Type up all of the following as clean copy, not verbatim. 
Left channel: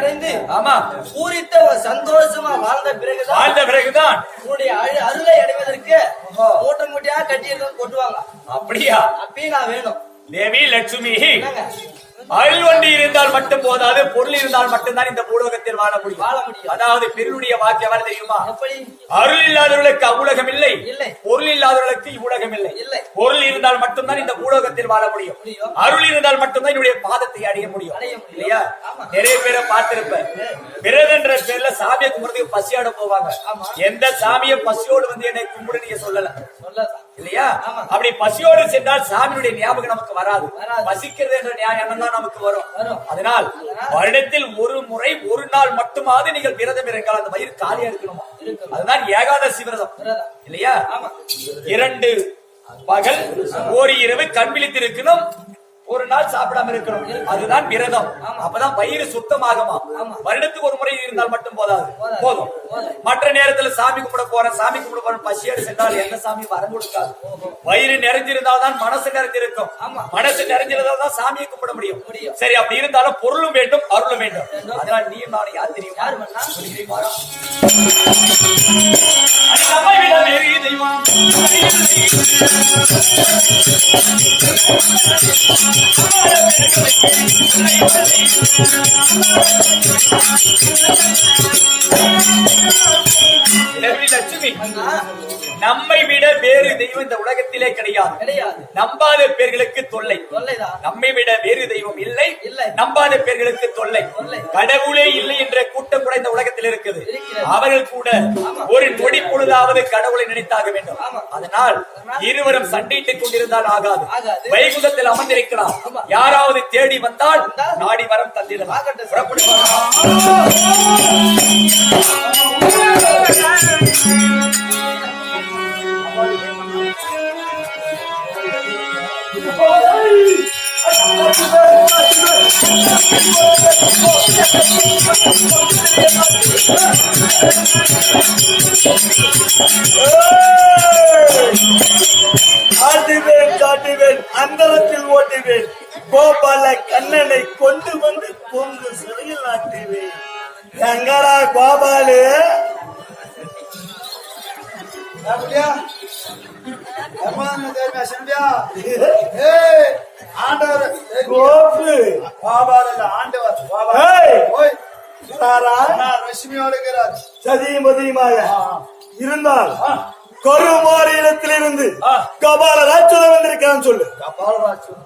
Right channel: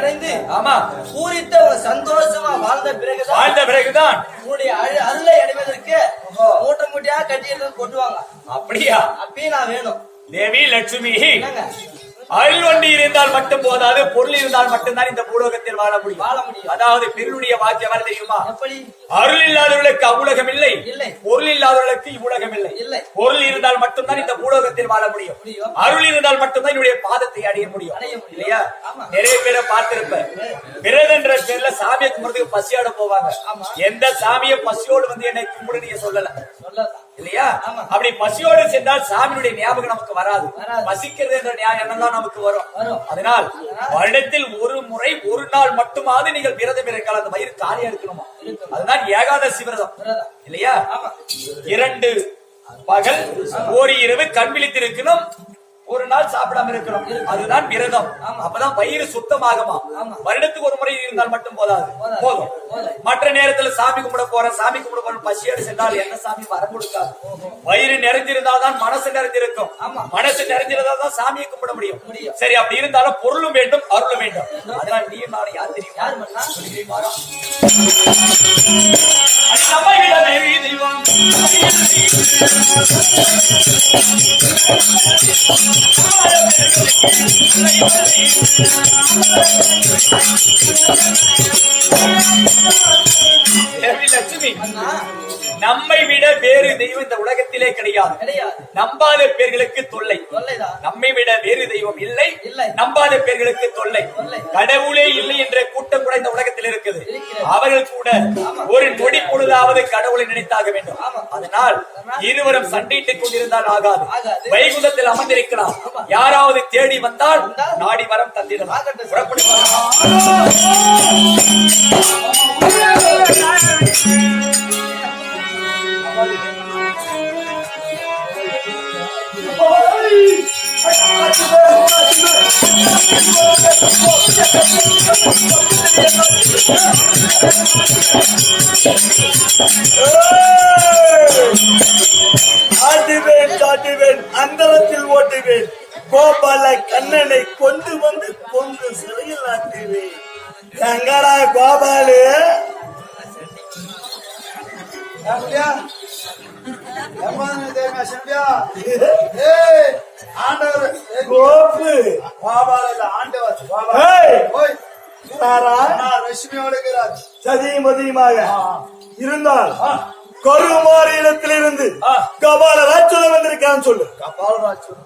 அடைந்து ஆமா பூரித்த ஒரு சந்தோஷமா வாழ்ந்த பிறகுதான் உன்னுடைய அருளை அடைவதற்கு மூட்டை மூட்டையா கட்டி கொட்டுவாங்க. அப்படியா? அப்பயும் நான் வேணும். தேவி லட்சுமி, அருள் ஒன்று இருந்தால் மட்டும் போதாது, பொருள் இருந்தால் மட்டும்தான் இந்த பூலோகத்தில் வாழ முடியும். அதாவது பெருளுடைய வாக்கியம் வர தெரியுமா? அருள் இல்லாதவர்களுக்கு அவ்வுலகம் இல்லை, பொருள் இல்லாதவர்களுக்கு இவ்வுலகம் இல்லை. பொருள் இருந்தால் மட்டும்தான் இந்த பூலோகத்தில் வாழ முடியும். அருள் இருந்தால் மட்டும்தான் என்னுடைய பாதத்தை அடைய முடியும். இல்லையா? நிறைய பேரை பார்த்திருப்ப விரதன்ற பேர்ல சாமியை கும்பிடுறதுக்கு பசியோட போவாங்க. எந்த சாமியும் பசியோடு வந்து என்னை கும்பிடு நீங்க சொல்லல இல்லையா? அப்படி பசியோடு சென்றால் சாமியுடைய ஞாபகம் நமக்கு வராது. பசிக்கிறது என்ற எண்ணம் தான் நமக்கு வரும். அதனால் வருடத்தில் ஒரு முறை ஒரு நாள் மட்டுமாவது நீங்கள் விரதம் இருங்கள். அந்த வயிறு காலியா இருக்கணுமா? அதுதான் ஏகாதசி விரதம் இல்லையா? 2 பகல் ஒரு இரவு கண் விழித்திருக்கணும், ஒரு நாள் சாப்பிடாம இருக்கணும். அதுதான் விரதம். அப்பதான் வயிறு சுத்தமாகுமா. வருடத்துக்கு ஒரு முறை இருந்தால் மட்டும் போதாது, போதும். மற்ற நேரத்துல சாமி கும்பிட போறேன் பசியோடு சென்றால் எந்த சாமி வரம் கொடுக்காது. வயிறு நிறைஞ்சிருந்தால்தான் மனசு நிறைஞ்சிருக்கும். மனசு நிறைஞ்சிருந்தால்தான் சாமியை கும்பிட முடியும். சரி, அப்படி இருந்தாலும் பொருளும் வேண்டும், அருளும் வேண்டும். அதனால நீயும் நானும் யார் தெரியும்? அது நம்மை விட வேறு தெய்வம் லட்சுமி, நம்மை விட வேறு தெய்வம் இந்த உலகத்திலே கிடையாது. நம்பாத பேர்களுக்கு தொல்லை. நம்மை விட வேறு தெய்வம் இல்லை, நம்பாத பேர்களுக்கு தொல்லை. கடவுளே இல்லை என்ற கூட்டம் கூட இந்த உலகத்தில் இருக்குது. அவர்கள் கூட ஒரு நொடி பொழுதாவது கடவுளை நினைத்தாக வேண்டும். அதனால் இருவரும் சண்டையிட்டுக் கொண்டிருந்தால் ஆகாது. வைகுந்தத்தில் அமர்ந்திருக்கலாம். யாராவது தேடி வந்தால் நாடி வரம் தந்திடலாம். காட்டுவேன், அந்தரத்தில் ஓட்டுவேன். கோபால கண்ணனை கொண்டு வந்து பொங்கு சிறையில் ஆட்டுவேன். எங்கடா கோபாலு? சதிமதியமாக இருந்தால் கருமாறு இடத்திலிருந்து கபால ராட்சதன் வந்திருக்கான்னு சொல்லு. கபால ராட்சதன்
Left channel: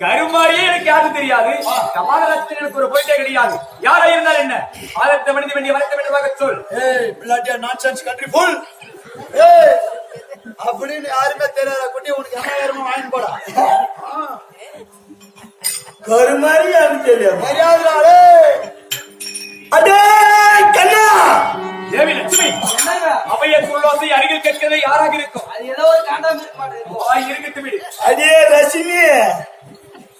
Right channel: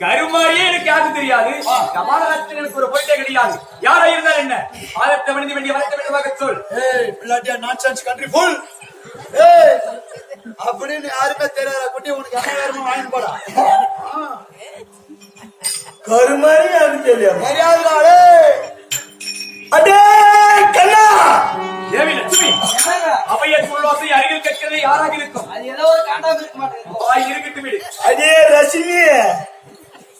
கருமாரியே எனக்கு யாரும் தெரியாது. கபாலராட்சதன் எனக்கு ஒரு போயிட்டே கிடையாது. யாரா இருந்தால் என்ன? ஆதத்தை மனித வேண்டிய வளர்த்த வேண்டியதாக சொல். அப்படின்னு யாருமே தெரியாத குட்டி உனக்கு என்ன வேணுமோ வாங்கி போடா. கருமாரி யாரும் தெரியாது. மரியாதை அடே கண்ணா. தேவி லட்சுமி, அவைய சொல்வாசை அருகில் கேட்கிறது யாராக இருக்கும்? அது ஏதோ ஒரு காண்டாம இருக்க மாட்டேன். இருக்கட்டும் விடு. அடே ரசினி,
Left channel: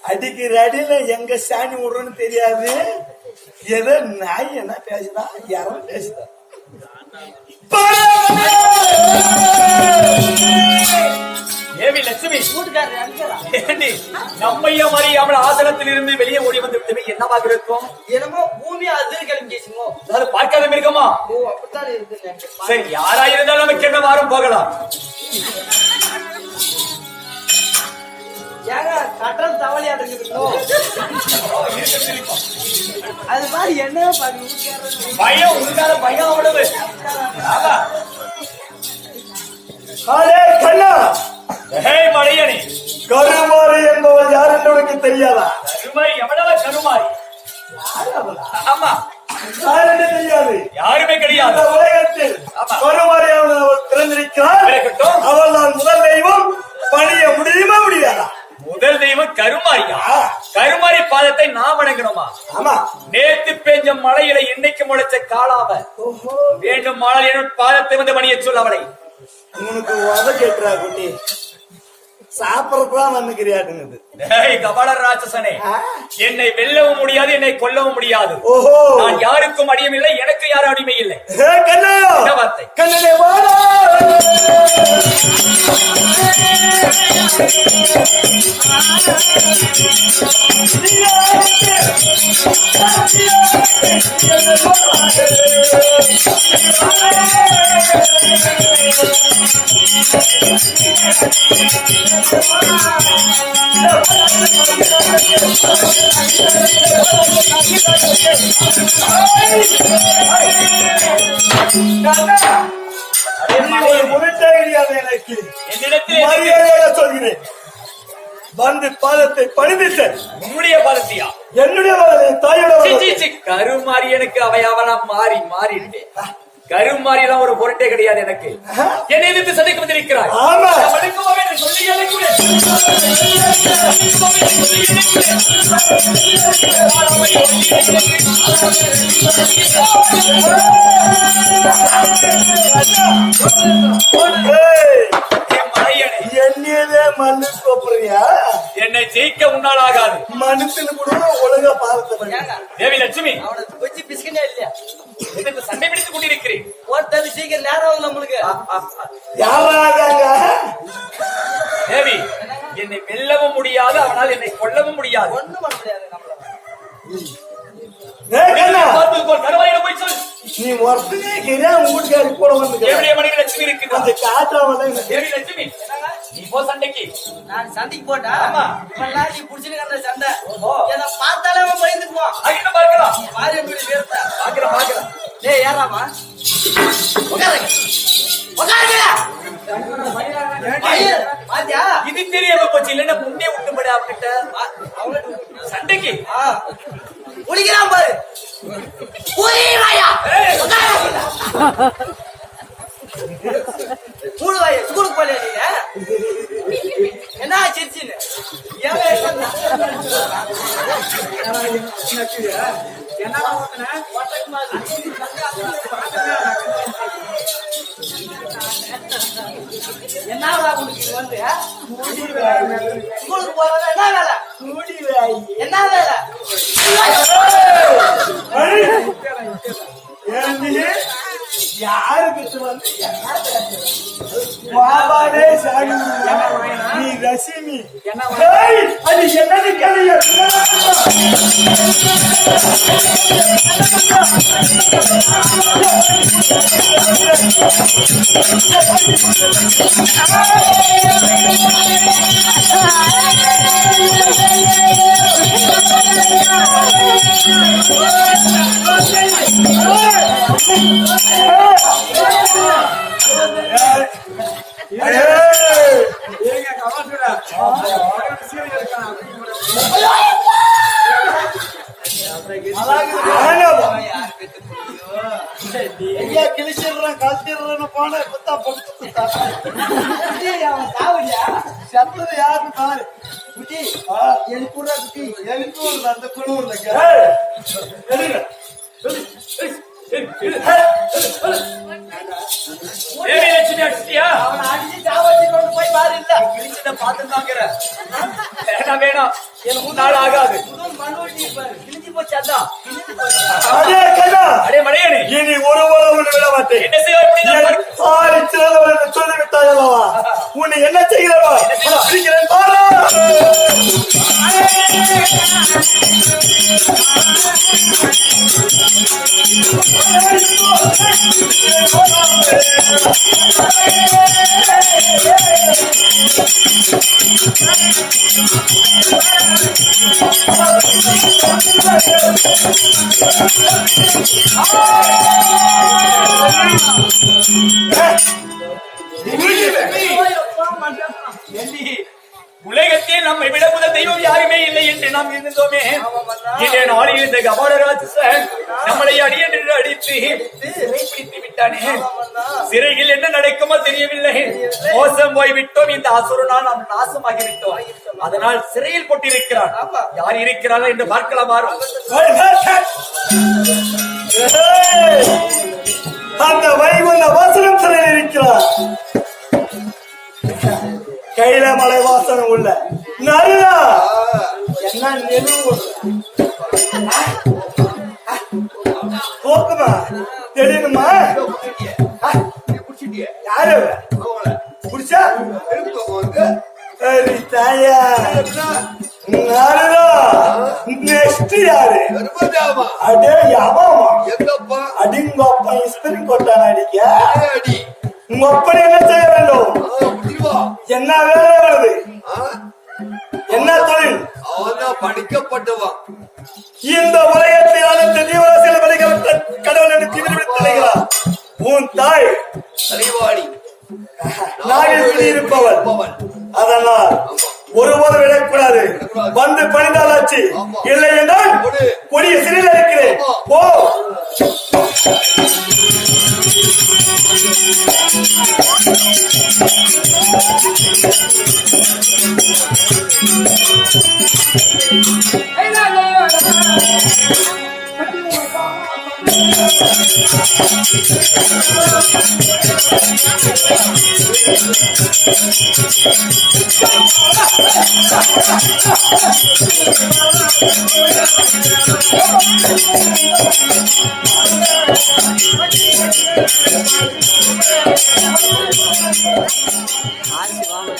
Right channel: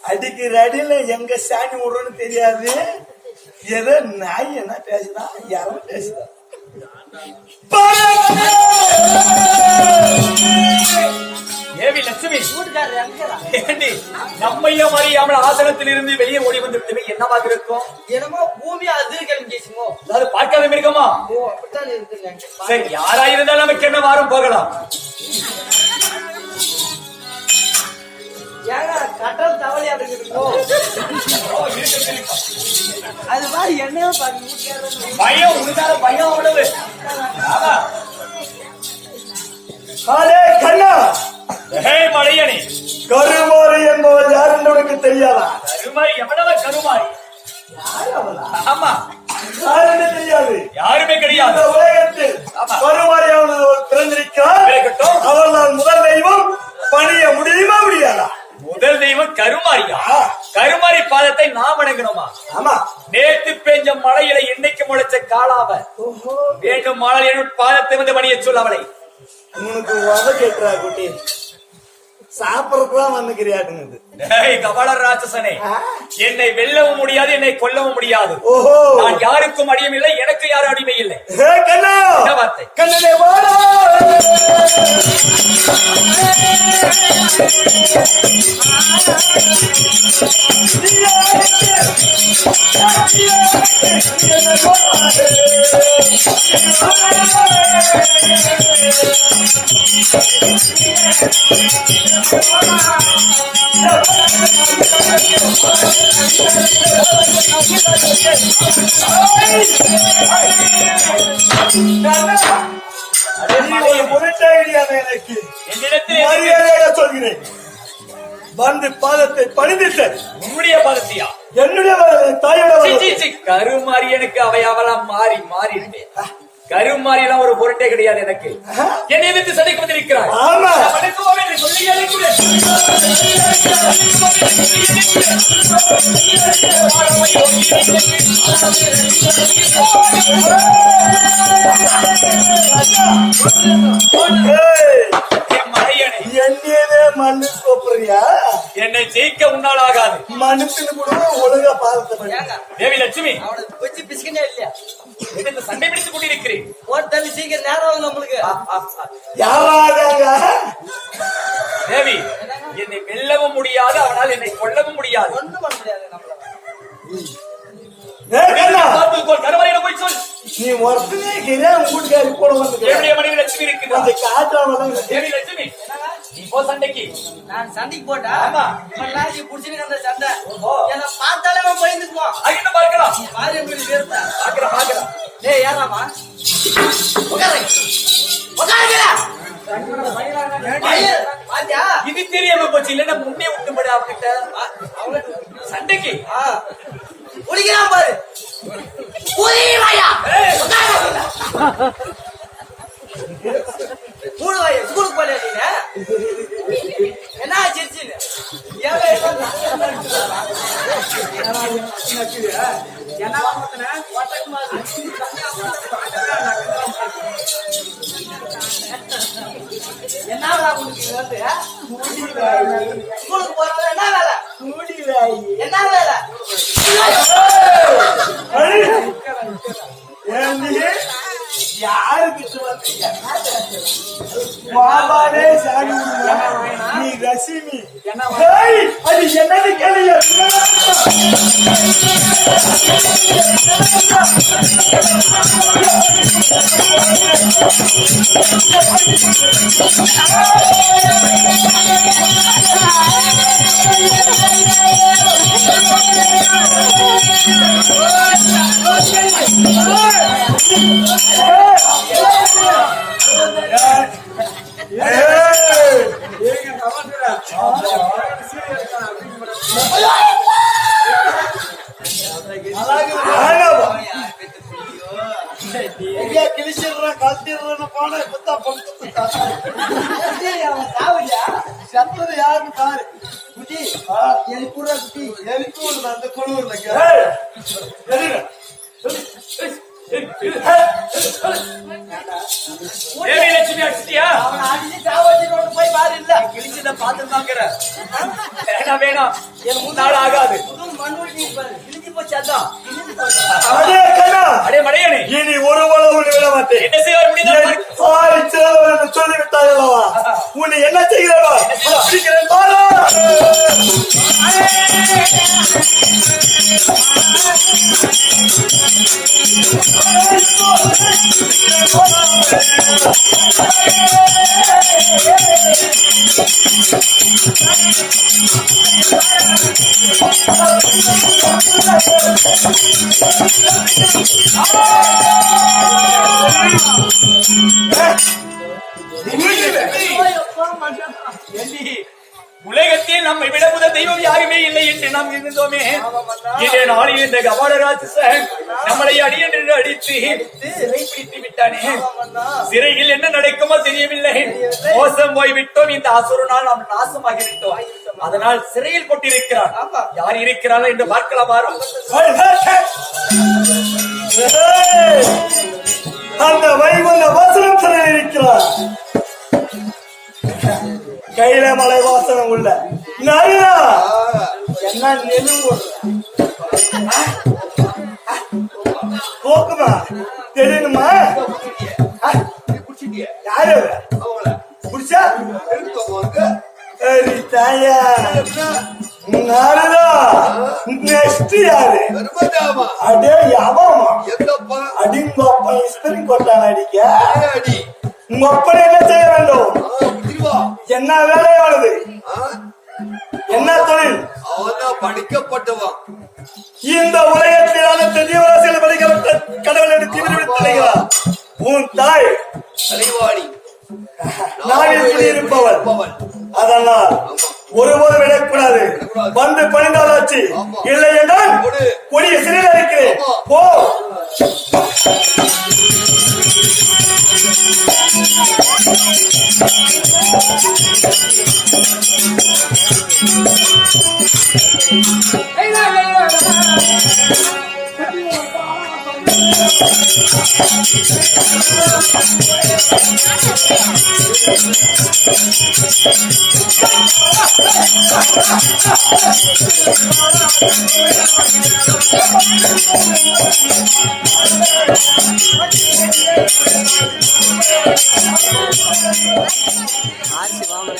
அடிக்கிற அடியில எங்க சாணி விடுறோன்னு தெரியாது. ஏதோ நாய் என்ன பேசுதா, யாரும் பேசுதா. தேவி லட்சுமி, நம்மைய அறியாமல் ஆசனத்தில் இருந்து வெளியே ஓடி வந்து விட்டமே என்னவாக இருக்கும்? என்னமோ பூமி அதிர்கலம் கேசுமோ, அதாவது பார்க்காத மிருகமா? அப்படித்தான் இருக்குங்க. சரி, யாரா இருந்தாலும் நமக்கு என்ன வாரம் போகலாம். ஏங்க கட்டல் தவளி அடைஞ்சிருக்கோம். அது மாதிரி என்ன பயம் உனக்கான பயம் அவ்வளவு. கண்ணா, மலையணி, கருமாரி என்பவள் யார் என்று உனக்கு தெரியாதா? கருமாரி எவ்வளவு? கருமாரி ஆமா, யார் என்று தெரியாது. யாருமே கிடையாது உலகத்தில். கருமாரி அவள் பிறந்திருக்கிறாள். அவள் நான் முதல் தெய்வம். பணிய முடியுமா முடியாதா? முதல் தெய்வம் கருமாரியா? கருமாரி பாதத்தை நாம் வணங்கணுமா? ஆமா. நேத்து பெஞ்ச மழையில இன்னைக்கு முளைச்ச காலாவ வேண்டும் மழை பாதத்தை வந்து பணிய சொல். அவளை உனக்கு உத கேட்டுறா குட்டி, சாப்பிடறதுதான் வந்துக்கிறியாட்டுங்குது. கபால ராட்சசனே, என்னை வெல்லவும் முடியாது, என்னை கொல்லவும் முடியாது. ஓஹோ, நான் யாருக்கும் அடியும் இல்லை, எனக்கு யாரும் அடிமை இல்லை. வார்த்தை கண்ணனே வாடா. எனக்கு மரியாதையாக சொல்கிறேன். வந்து பாதத்தை பணிந்துட்டேன். உன்னுடைய பாதத்தியா? என்னுடைய தாயோட கருமாறி எனக்கு அவையாவெல்லாம் மாறி மாறிட்டேன். கருமாறி எல்லாம் ஒரு பொருட்டே கிடையாது எனக்கு. என்னை எதிர்த்து சண்டைக்கு வந்திருக்கிறார். ஆமா என்னையவே மண்ணு கோப்புறியா? என்னை ஜெயிக்க உன்னால் ஆகாது. மனுஷனு கூட ஒழுங்கா பாதத்தை பண்ணி தேவி லட்சுமி வச்சு பிஸ்கனே இல்லையா எதிர்த்து சண்டை பிடித்துக் கொண்டிருக்கிறேன். ஓட்டல் சீக்கிரம் நேரம் நம்மளுக்கு யாராங்க தேவி என்னை வெல்லவும் முடியாது, அவனால் என்னை கொல்லவும் முடியாது. ஒண்ணும் பண்ண முடியாது நம்மள. கருமாரியிடம் போய் சொல். நீ ஒருத்தனே வீட்டுக்காரி கூட வந்து மணி லட்சுமி இருக்கு. அந்த காற்றாவதான் தேவி லட்சுமி நீ போ சண்டைக்கு. நான் சண்டைக்கு போட்டா ஆமா நீ புடிச்சிருக்க அந்த சண்டை என்ன பார்த்தாலே அவன் பயந்துக்குவான். அகிட்ட பார்க்கலாம். பாரு எப்படி வேர்த்தா பாக்கலாம் பாக்கலாம். ஏய் யாராமா இது தெரியாம போச்சு. இல்லன்னா முன்னே விட்டுபடி அவகிட்ட சண்டைக்கு குளிக்கிறான் பாரு. ஸ்கூலுக்கு போலியா நீங்க? என்ன சிரிச்சின்னு என்னடா உங்களுக்கு வந்து ஸ்கூலுக்கு போறதா என்ன வேலை? என்ன வேலை? யாருக்கு வந்து பாபாடே சாமி நீ ரசிமி அது என்னது கேள்வி? கிழிச்சிடுறேன் கழட்டிடுறேன்னு போன குத்தா பொழுது அவன் சாவடியா சத்தது யாருன்னு பாரு. குட்டி எழுப்புறா குட்டி எழுப்பு அந்த குழுவுல லட்சுமி அடிச்சிட்டியா? அவனை அடிச்சு சாவடிச்சு கொண்டு போய் பாரு. இல்ல கிழிச்சத பாத்துதாங்கிற வேணாம் வேணாம். எனக்கு நாள் ஆகாது. கிழிச்சு போச்சு. அதான் அடே மடையனே இனி ஒரு உலகம் விட மாட்டேன். என்ன செய்வார் முடிந்தால் சொல்லிவிட்டாய் அல்லவா? உன்னை என்ன செய்கிறவா? உலகத்தில் நம்மை விட முதல் தெய்வம் யாருமே இல்லை என்று நாம் இருந்தோமே. இதே நாளில் இந்த கபாலராஜன் நம்மளை அடி என்று அடித்து சிறை பிடித்து விட்டானே. சிறையில் என்ன நடக்குமோ தெரியவில்லை. மோசம் போய்விட்டோம். இந்த அசுரனால் நாம் நாசமாகிவிட்டோம். அதனால் சிறையில் போட்டிருக்கிறான். யார் இருக்கிறார்கள் என்று பார்க்கலாமா? அந்த வைகுண்ட வாசனம் சிறையில் இருக்கிறார். கையில மலை வாசனம் உள்ள நரியா என்ன நெலுவு போக்குமா தெரியணுமா? யாரு புடிச்சா சரி தாயா நெக்ஸ்ட் யாரு கருமஜாமா அடே யாவாமா எங்கப்பா அடிங்கப்பா இஸ்திரி கொட்டான் அடிக்க அடி உங்க அப்படி என்ன செய்ய வேண்டும் புரியுவா என்ன வேலை வருது என்ன தொழில் அவன் தான் படிக்கப்பட்டவன் இந்த உலகத்தில் அனைத்து ஜீவராசிகள் படிக்கப்பட்ட கடவுள் என்று தீவிரப்படுத்தலையா உன் தாய் தலைவாணி நாவில் குடியிருப்பவள் அதெல்லாம் ஒருபோது விடக்கூடாது வந்து பணிந்தாலாச்சு இல்லை என்றால் கொடிய சிறையில் இருக்கிறேன் போ ஆர்சி வாங்க